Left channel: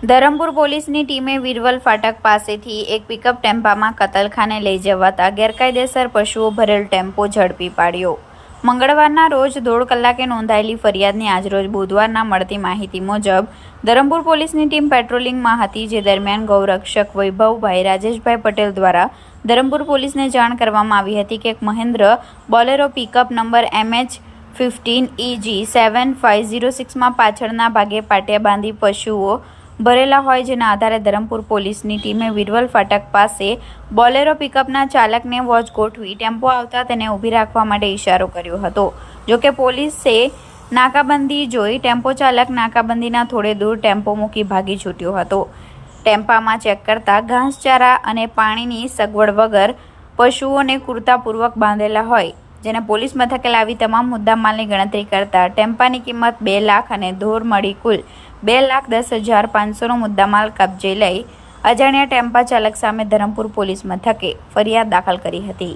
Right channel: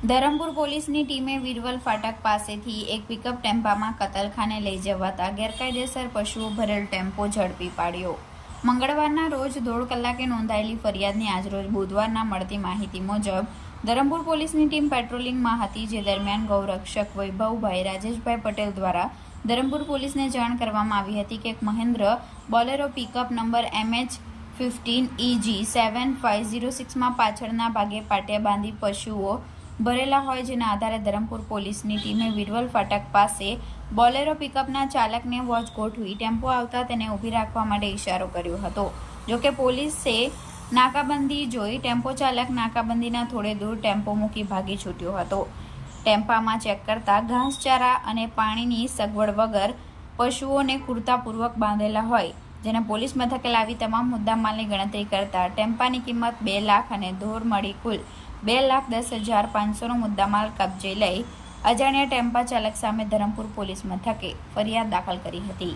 ધરમપુર પોલીસની ટીમે વિરવલ ફાટક પાસેથી એક પિકઅપ ટેમ્પામાં કતલખાને લઈ જવાતા ગેરકાયદેસર પશુઓ ભરેલ ટેમ્પો ઝડપી પાડ્યો. મંગળવારના રોજ દોઢ કલાકે નોંધાયેલી ફરિયાદની આજરોજ બુધવારના મળતી માહિતી મુજબ, ધરમપુર પોલીસની ટીમ પેટ્રોલિંગમાં હતી, જે દરમિયાન ગૌરક્ષક વૈભવભાઈ રાજેશભાઈ પટેલ દ્વારા ધરમપુર પોલીસને જાણ કરવામાં આવી હતી કે એક Mahindra Bolero pickup number MH fifteen E G seven five zero સિક્સમાં પાછળના ભાગે પાટિયા બાંધી પશુઓ ભરેલા હોય જેના આધારે ધરમપુર પોલીસની ટીમે વિરવલ ફાટક પાસે બોલેરો પિકઅપના ચાલકને વોચ ગોઠવી ટેમ્પો આવતા તેને ઊભી રાખવા માટે ઇશારો કર્યો હતો. જોકે પોલીસે નાકાબંધી જોઈ ટેમ્પો ચાલક નાકાબંધીના થોડે દૂર ટેમ્પો મૂકી ભાગી છૂટ્યો હતો. ટેમ્પામાં ચેક કરતા ઘાસચારા અને પાણીની સગવડ વગર પશુઓને કુર્તાપૂર્વક બાંધેલા હોય, જેને પોલીસ મથકે લાવી તમામ મુદ્દામાલની ગણતરી કરતા ટેમ્પાની કિંમત બે લાખ અને ધોર મળી કુલ બે લાખ દસ હજાર પાંચસોનો મુદ્દામાલ કબજે લઈ અજાણ્યા ટેમ્પા ચાલક સામે ધરમપુર પોલીસ મથકે ફરિયાદ દાખલ કરી હતી.